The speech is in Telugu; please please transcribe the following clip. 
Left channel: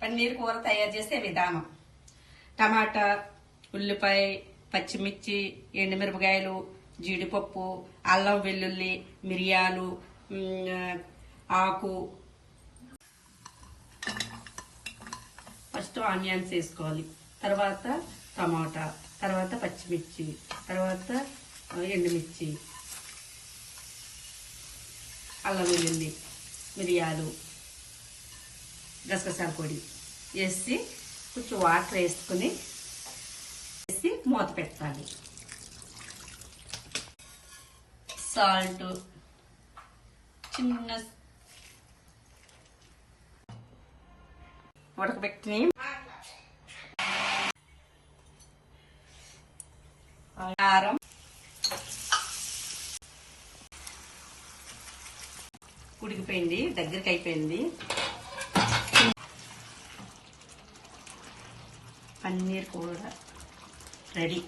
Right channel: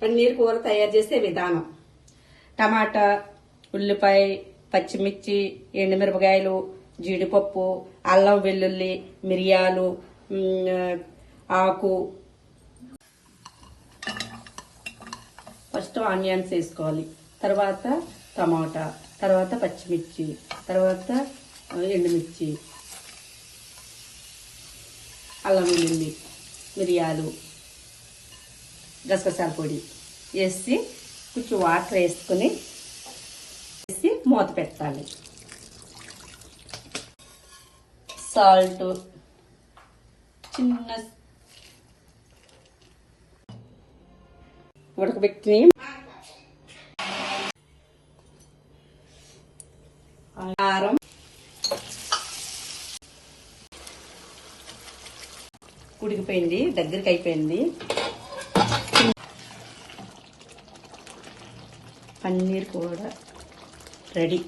పన్నీర్ కూర తయారు చేసే విధానం. టమాటా, ఉల్లిపాయ, పచ్చిమిర్చి, ఎండుమిరపకాయలు, జీడిపప్పు, అల్లం వెల్లుల్లి, మిరియాలు, ఆకు. ఫస్ట్ ఆనియన్స్ వేసుకోవాలి, తర్వాత టమాటా, తర్వాత పచ్చిమిర్చి, తర్వాత ఎండుమిర్చి, అల్లం వెల్లుల్లి, మిరియాలు, గసగసాల పొడి వేసి కొంచెం వాటర్ వేసుకుని మూత పెట్టాలి. సాల్ట్, చిన్న ఉడకబెట్టి కారం, ఉడికిపోయింది, దగ్గరికి అయిపోయింది. పన్నీర్ కూడా రెడీ.